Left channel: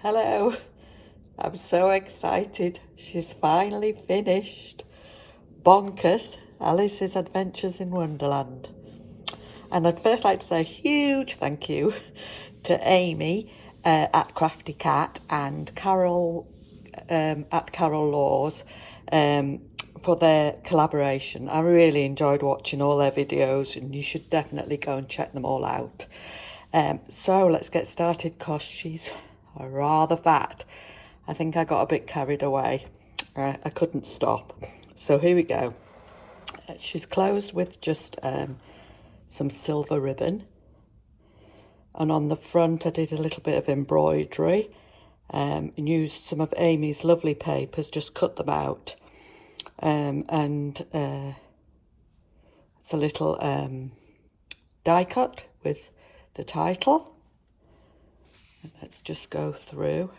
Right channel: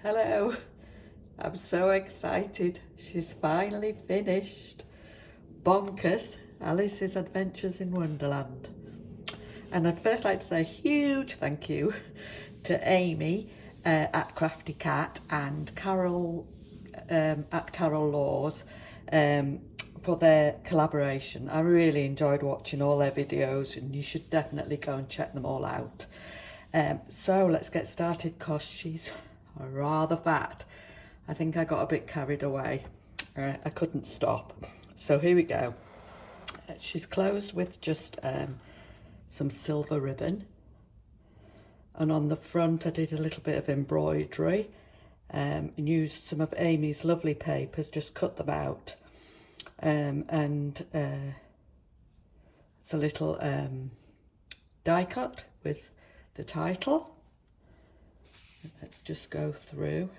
Hello, I'm so excited. She's finally finished Bonkers, Alice's Adventures in Wonderland. And I'd first like to say a huge thank you to Amy at Crafty Cat and Carol at Carol Laws for their collaboration. I really enjoyed watching all their videos, and you should definitely go and check them all out. So let's get started because she's rather fat. I think I got a bit carried away. I couldn't stop. So here we go. She's closed with just some silver ribbon, and on the front I did a little bit of embroidery and used some of Amy's lovely papers, just cut them out, and it's a little die cut with the title. And let's just go through.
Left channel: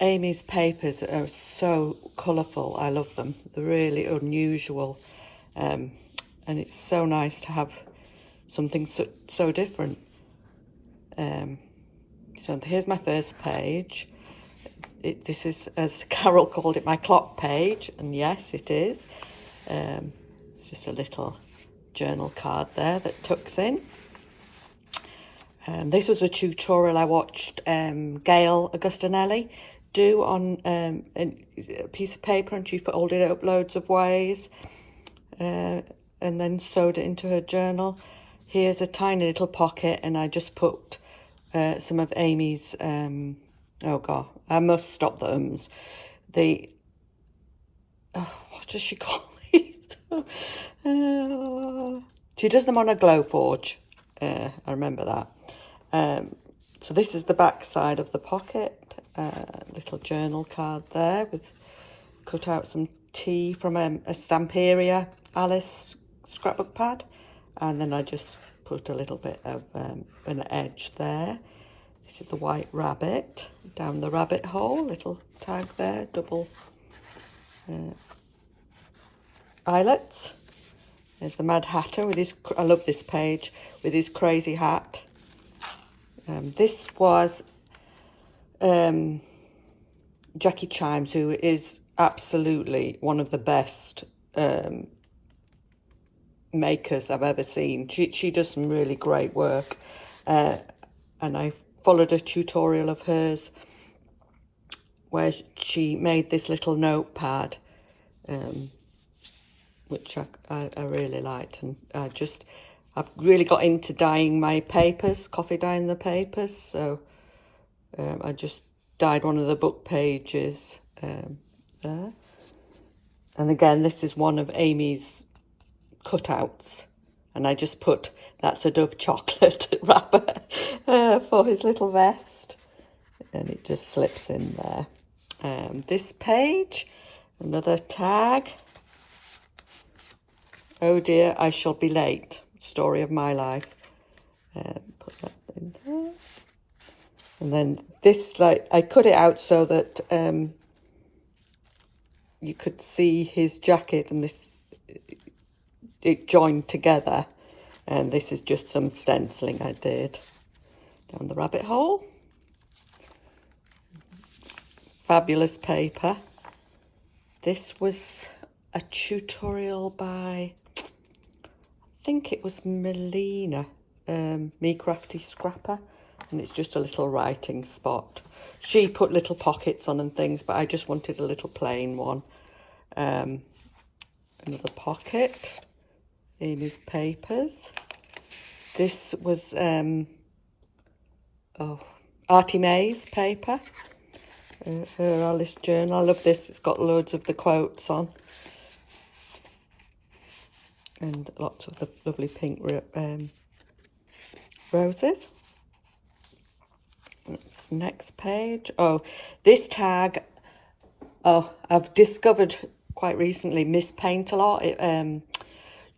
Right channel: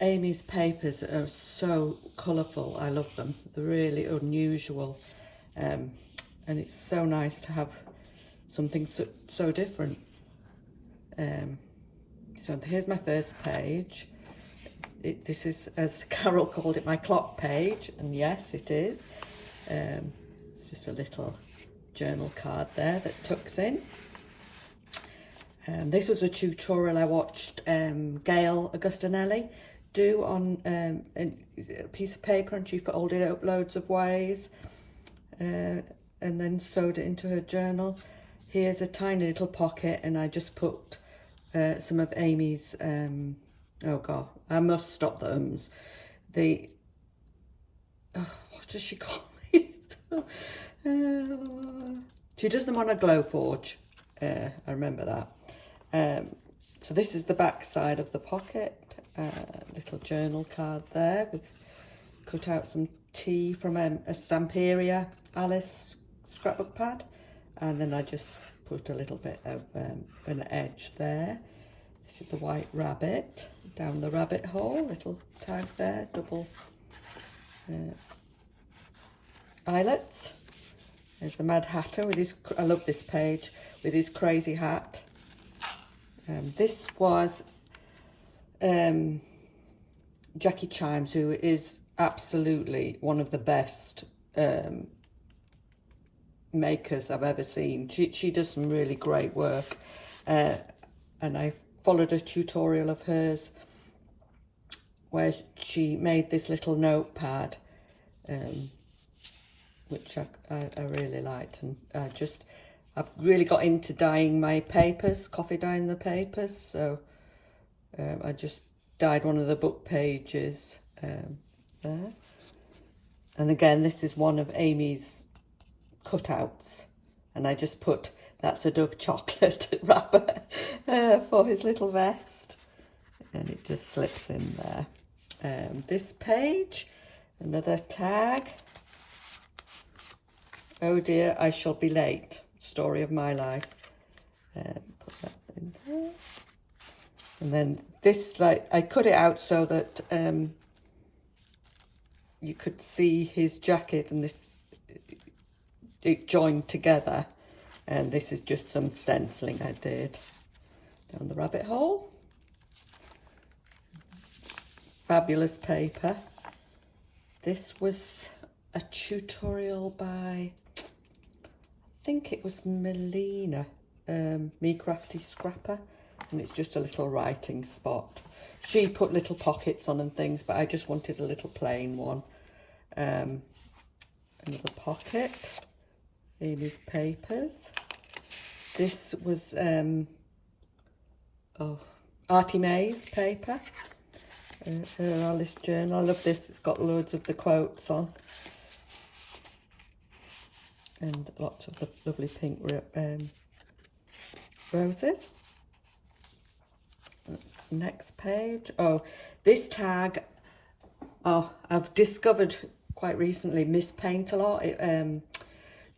Amy's papers are so colourful. I love them. They're really unusual, and it's so nice to have something so different. So here's my first page. This is, as Carol called it, my clock page, and yes, it is. It's just a little journal card there that tucks in. This was a tutorial I watched Gail Augustinelli do on a piece of paper, and she folded it up loads of ways and then sewed it into her journal. Here's a tiny little pocket, and I just put some of Amy's, oh god, I must stop the ums. What does she call these? She does them on a glow forge. I remember that. So this is the back side of the pocket. Little journal card there with cut out some tea from a Stamperia Alice scrapbook pad, and then I just put a little bit of an edge there. This is the white rabbit down the rabbit hole, little tag there, double eyelets. There's the Mad Hatter with his, I love this page, with his crazy hat. This was Jackie Chimes, who is absolutely one of the best makers I've ever seen. She does some really great work, and I followed a tutorial of hers where she made this little notepad, which I really liked, and I've really got into dyeing my papers, coffee dyeing the papers, so I just dyed one of the book pages there. And again, this is one of Amy's cutouts, and I just put, that's a Dove chocolate wrapper for his little vest, and it just slips in there. This page, another tag. Oh dear, I shall be late. Story of my life. Put that in there. And then this, like, I cut it out so that you could see his jacket, and this, it joined together. And this is just some stenciling I did down the rabbit hole. Fabulous paper. This was a tutorial by, I think it was Melina, Me Crafty Scrapper, and it's just a little writing spot. She put little pockets on and things, but I just wanted a little plain one. Another pocket, Amy's papers. This was Artie May's paper, her Alice journal. I love this, it's got loads of the quotes on, and lots of the lovely pink roses. Next page. Oh, this tag, I've discovered quite recently Miss Paint-A-Lot.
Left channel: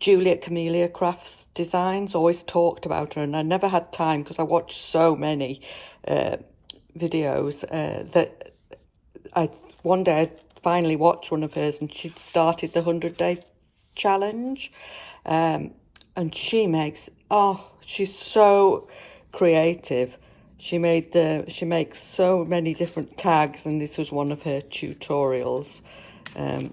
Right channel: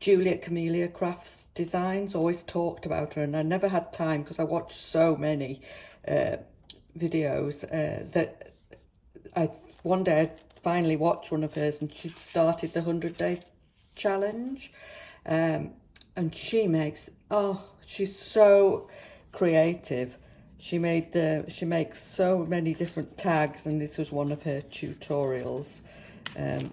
Juliet Camellia Crafts Designs, always talked about her, and I never had time because I watched so many videos that one day I finally watched one of hers, and she started the 100-day challenge, and she makes, she's so creative. She makes so many different tags, and this was one of her tutorials. And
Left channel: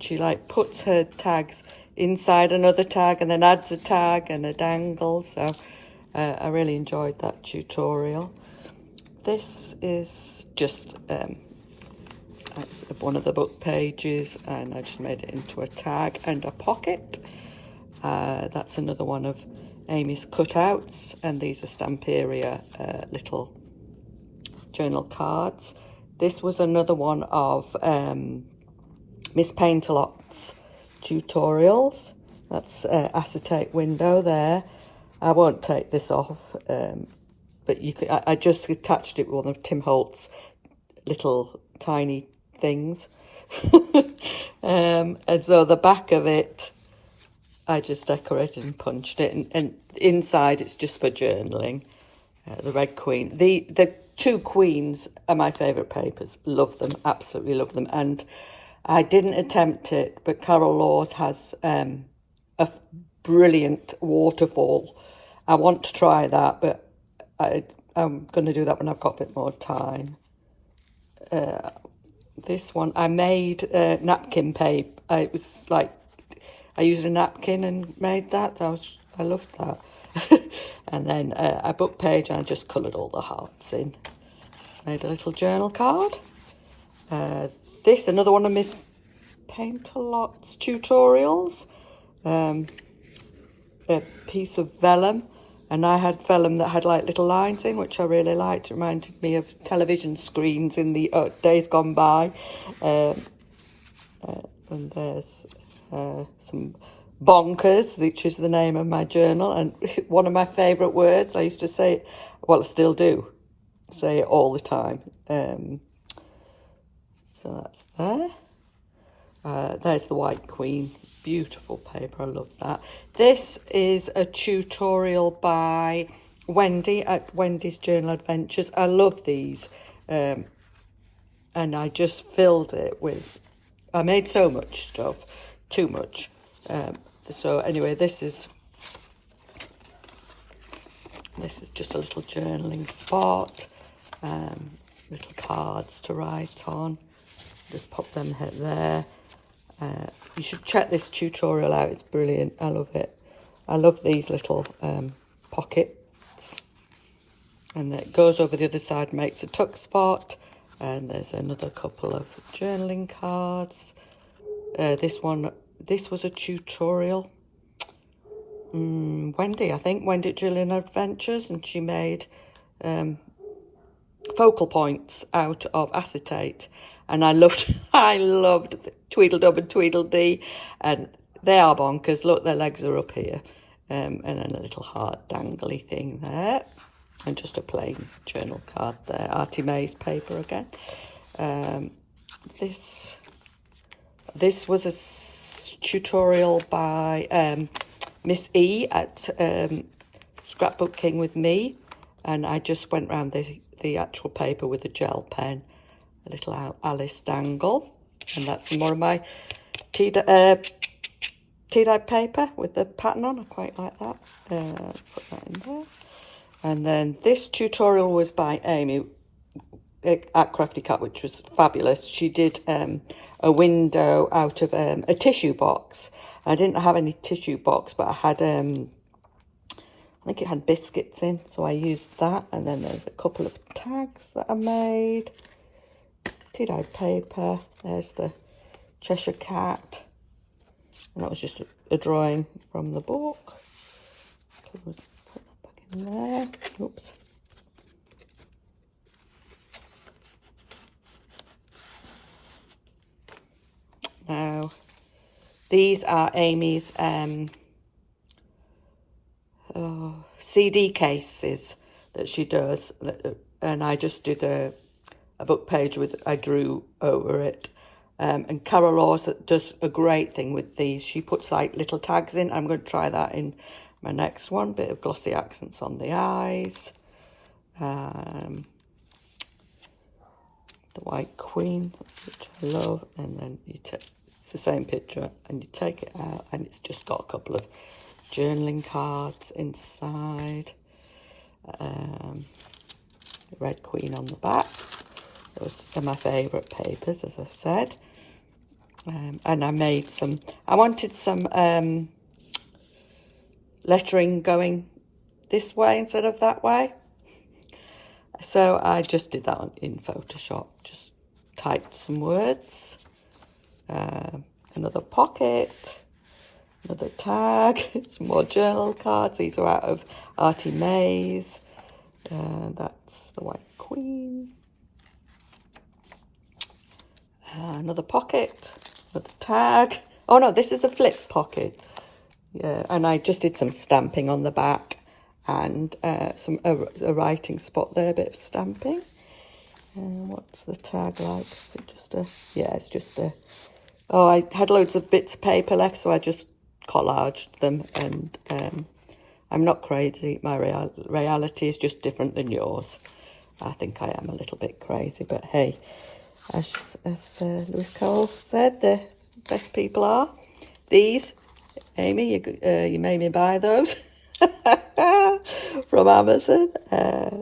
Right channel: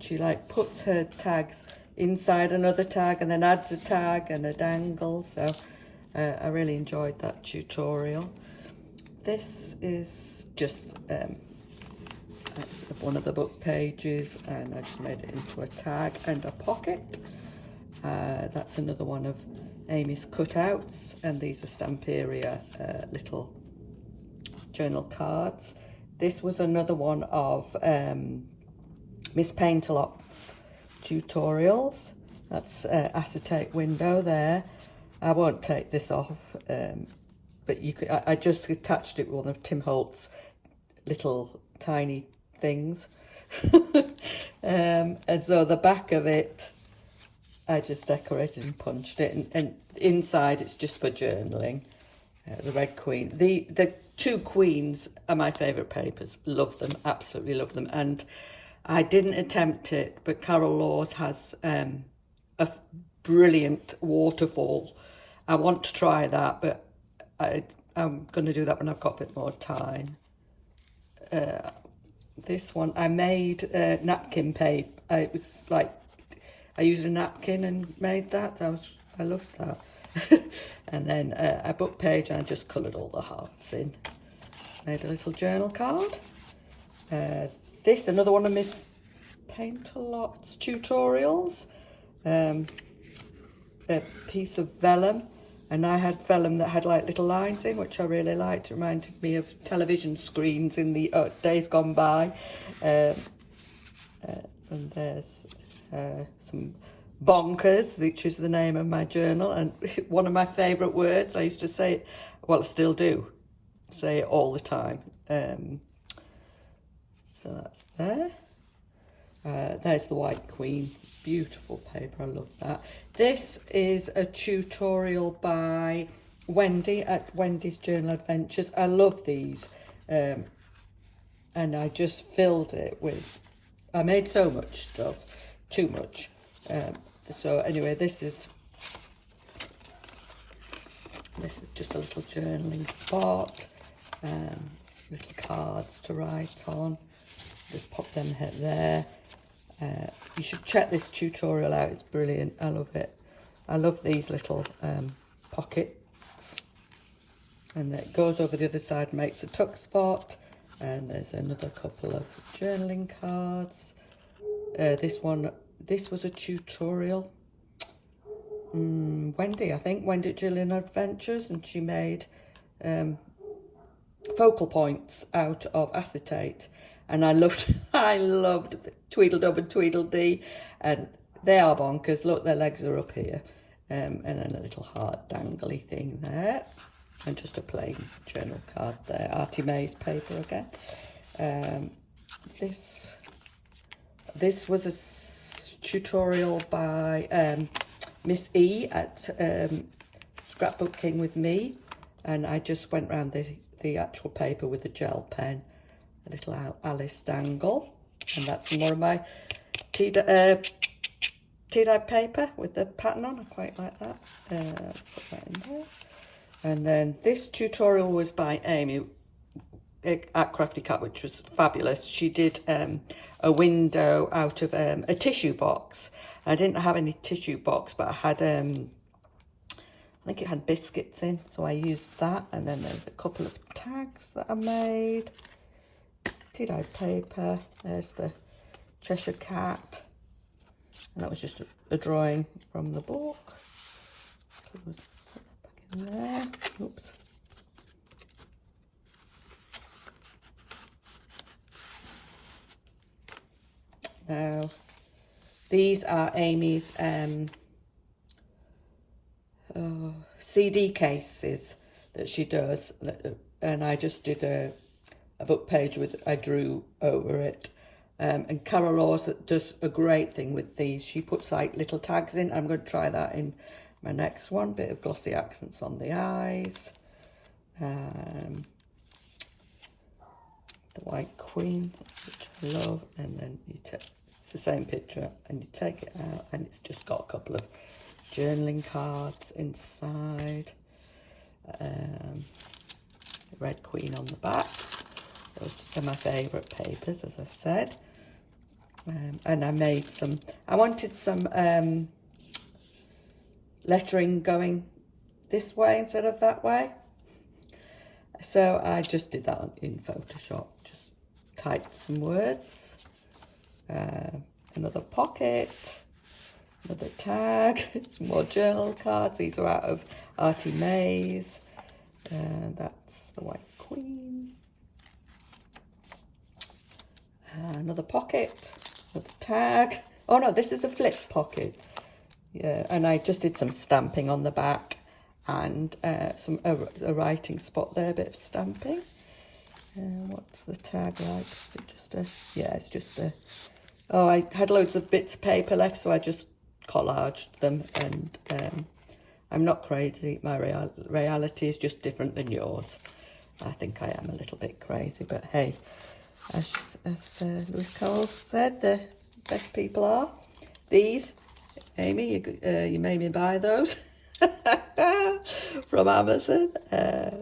she like puts her tags inside another tag and then adds a tag and a dangle. So I really enjoyed that tutorial. This is just one of the book pages, and I just made it into a tag and a pocket. That's another one of Amy's cutouts, and these are Stamperia little journal cards. This was another one of Miss Paintalot's tutorials. That's acetate window there. I won't take this off, but you could. I just attached it with one of Tim Holt's little tiny things. And so the back of it, I just decorated and punched it, and inside it's just for journaling. The Red Queen. The two queens are my favourite papers. Love them, absolutely love them. And I didn't attempt it, but Carol Laws has a brilliant waterfall. I want to try that, but I'm going to do that when I've got a bit more time. This one, I made napkin paper. It was like, I used a napkin and made that. I loved that. And then a book page, and I just coloured all the hearts in. Made a little journal card. This, another one of Miss Paintalot's tutorials. A piece of vellum, and I had vellum that had like little lines in, which I really liked. It reminded me of television screens in the days gone by. And there's some bonkers, which is the name of my journal, and one of my favourite words. I used to say it, well, I still do say it all the time. So that's there. There's the White Queen, beautiful paper, I love that. This is a tutorial by Wendy at Wendy's Journal Adventures. I love these, and I just filled it with, I made so much stuff, too much. So anyway, this is just a little journaling spot, little cards to write on. Just pop them there. You should check this tutorial out, it's brilliant. I love it. I love these little pockets. And it goes over the other side, makes a tuck spot. And there's another couple of journaling cards. This was a tutorial. Wendy, I think, Wendy at Gillian Adventures, and she made focal points out of acetate. And I loved Tweedledum and Tweedledee, and they are bonkers. Look, their legs are up here, and then a little heart dangly thing there, and just a plain journal card there. Artie May's paper again. This was a tutorial by Miss E at Scrapbook King with me, and I just went around the actual paper with a gel pen. A little Alice dangle, and that's some more of my tea-dyed paper with the pattern on. I quite like that. Put that in there. And then this tutorial was by Amy at Crafty Cat, which was fabulous. She did a window out of a tissue box. I didn't have any tissue box, but I had I think it had biscuits in, so I used that. And then there's a couple of tags that I made. Tea-dyed paper. There's the Cheshire Cat, and that was just a drawing from the book. Put it back in there. Oops. Now, these are Amy's CD cases that she does, and I just did a book page with, I drew over it. And Carol Laws does a great thing with these. She puts like little tags in. I'm going to try that in my next one. Bit of glossy accents on the eyes. The White Queen, which I love. And then it's the same picture, and you take it out, and it's just got a couple of journaling cards inside. Red Queen on the back. Those are my favourite papers, as I've said. And I made some, I wanted some lettering going this way instead of that way. So I just did that in Photoshop, just typed some words. Another pocket, another tag, some more journal cards. These are out of Artie May's. That's the White Queen. Another pocket, another tag. Oh no, this is a flip pocket. Yeah, and I just did some stamping on the back and a writing spot there, a bit of stamping. What's the tag like? Is it just a, yeah, it's just a, oh, I had loads of bits of paper left, so I just collaged them, and I'm not crazy. My reality is just different than yours. I think I am a little bit crazy, but hey, as Lewis Cole said, the best people are. These, Amy, you made me buy those from Amazon.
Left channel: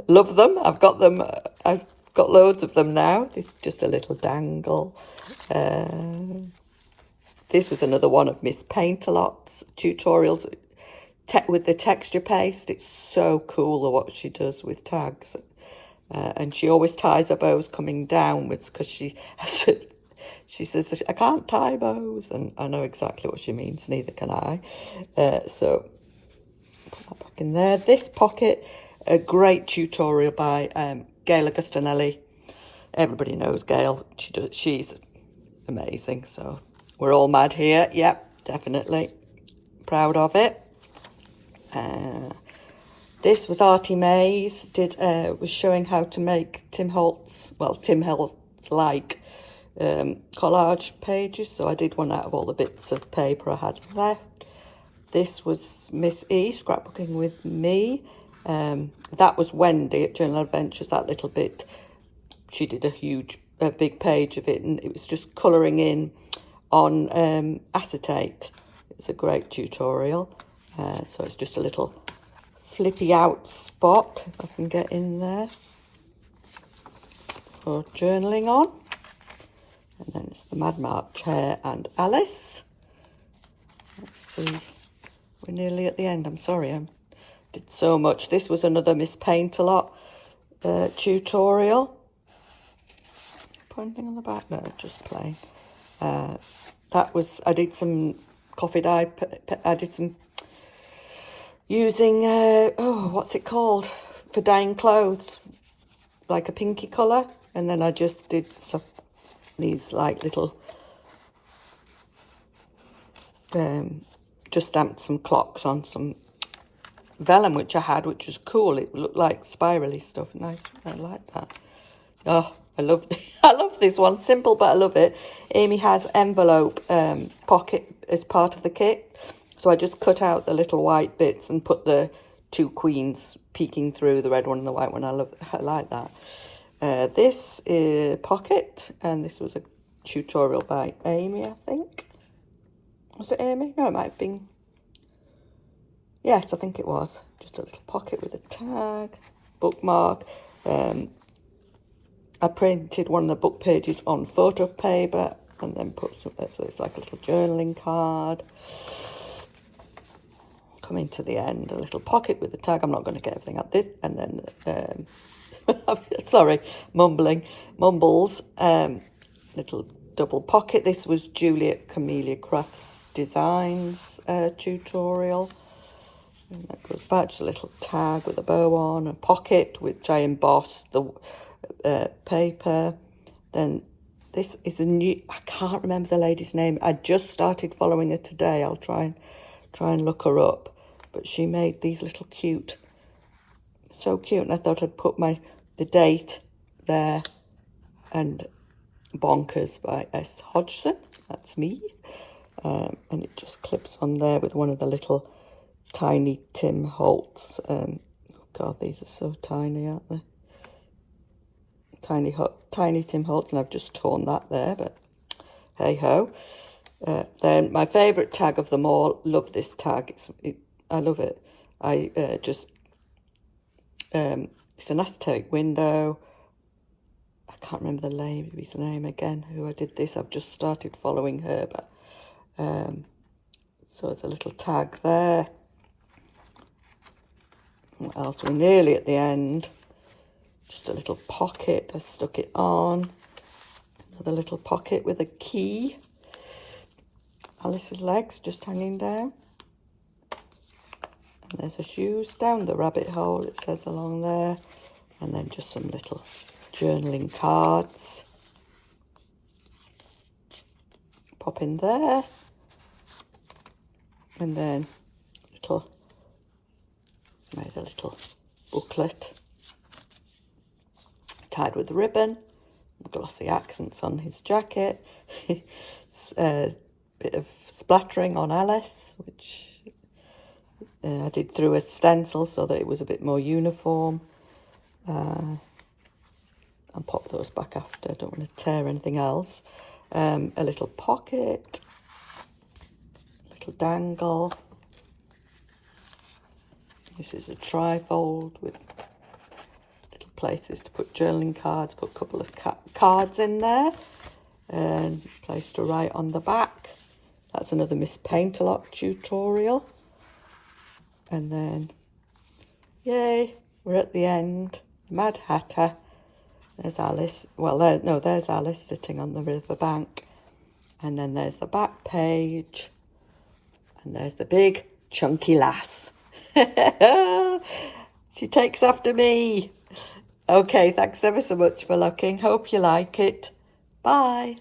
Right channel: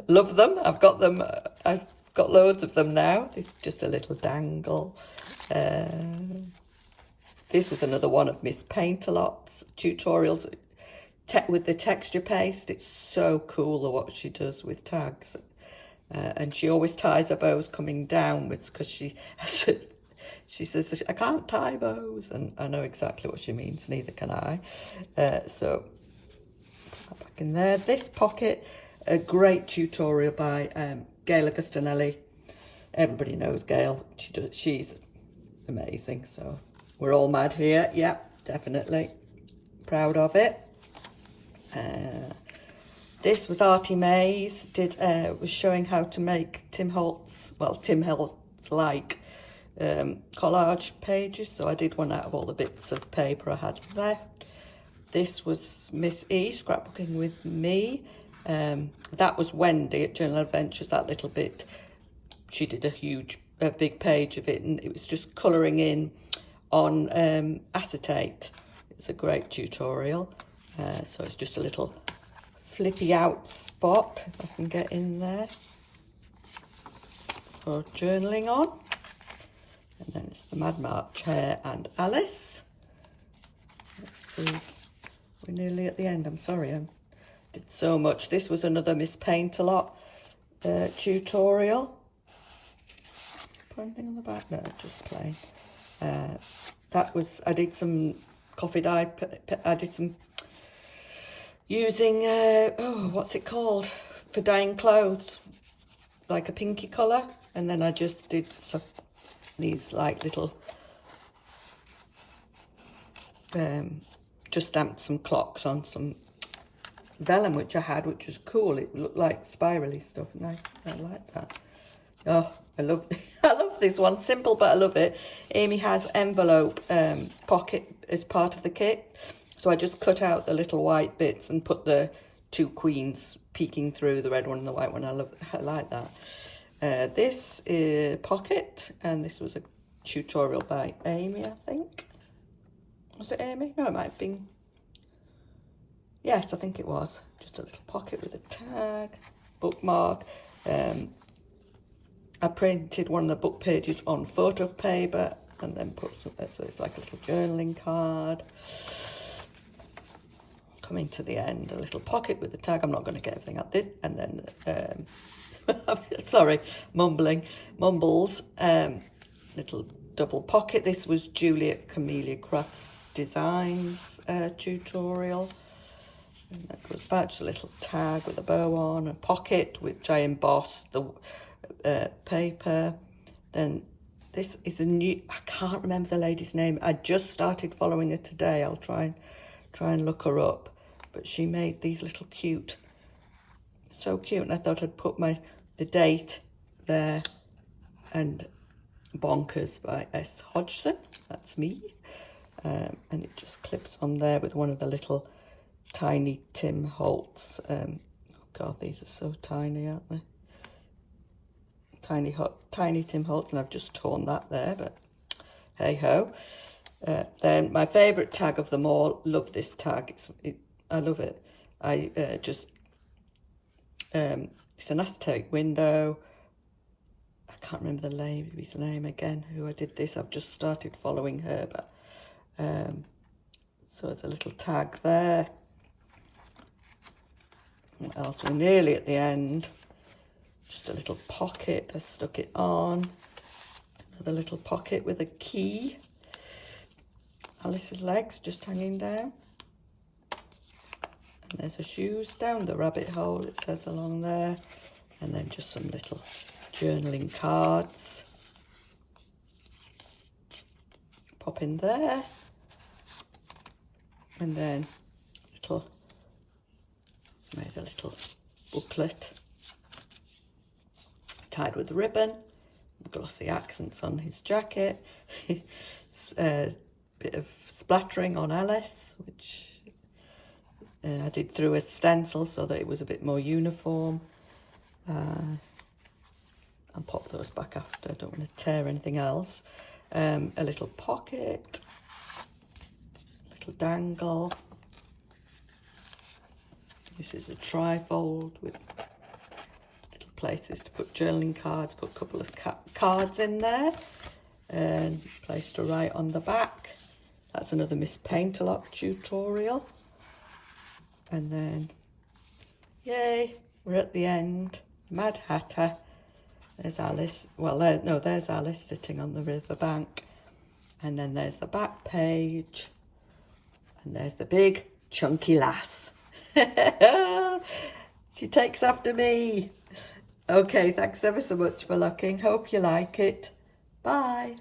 Love them. I've got them. I've got loads of them now. This is just a little dangle. This was another one of Miss Paint-A-Lot's tutorials with the texture paste. It's so cool what she does with tags. And she always ties her bows coming downwards because she says, I can't tie bows. And I know exactly what she means, neither can I. So, put that back in there. This pocket, a great tutorial by Gail Augustinelli. Everybody knows Gail. She's amazing. So, we're all mad here. Yep, definitely. Proud of it. This was Artie May's, was showing how to make Tim Holtz-like collage pages. So I did one out of all the bits of paper I had left. This was Miss E, Scrapbooking with Me. That was Wendy at Journal Adventures, that little bit. She did a big page of it, and it was just colouring in on acetate. It's a great tutorial. So it's just a little flippy out spot, if I can get in there, for journaling on. And then it's the Mad Mark chair and Alice. Let's see, we're nearly at the end. I'm sorry, I did so much. This was another Miss Paint-A-Lot tutorial. Put anything on the back? No, just plain. That was, I did some coffee dye, I did some using, what's it called, for dyeing clothes, like a pinky colour. And then I just did these like little, just stamped some clocks on some vellum, which I had, which was cool. It looked like spirally stuff. Nice, I like that. Oh, I love this one. Simple, but I love it. Amy has envelope pocket as part of the kit. So I just cut out the little white bits and put the two queens peeking through, the red one and the white one. I like that. This is pocket, and this was a tutorial by Amy, I think. Was it Amy? No, it might have been. Yes, I think it was. Just a little pocket with a tag, bookmark. I printed one of the book pages on photo paper and then put some, so it's like a little journaling card. Coming to the end, a little pocket with a tag. I'm not going to get everything out this, and then sorry, mumbles. Little double pocket. This was Juliet Camellia Crafts Designs tutorial. And that goes back to a little tag with a bow on, a pocket which I embossed the paper. Then this is a new, I can't remember the lady's name. I just started following her today. I'll try and look her up. But she made these little cute, so cute, and I thought I'd put the date there, and Bonkers by S. Hodgson, that's me, and it just clips on there with one of the little tiny Tim Holtz, oh God, these are so tiny, aren't they? Tiny Tim Holtz, and I've just torn that there, but hey ho. Then my favourite tag of them all, love this tag, I love it. I It's an acetate window. I can't remember the lady's name again who I did this. I've just started following her, but so it's a little tag there. What else? We're nearly at the end. Just a little pocket. I stuck it on. Another little pocket with a key. Alice's legs just hanging down. And there's her shoes down the rabbit hole, it says along there. And then just some little journaling cards. Pop in there. And then made a little booklet tied with ribbon, glossy accents on his jacket. It's a bit of splattering on Alice, which I did through a stencil so that it was a bit more uniform. And pop those back after, I don't want to tear anything else. A little pocket, little dangle. This is a trifold with little places to put journaling cards, put a couple of cards in there, and place to write on the back. That's another Miss Paint-A-Lot tutorial. And then, yay, we're at the end. Mad Hatter. There's Alice. Well, there's Alice sitting on the riverbank. And then there's the back page. And there's the big chunky lass. She takes after me. Okay, thanks ever so much for looking. Hope you like it. Bye.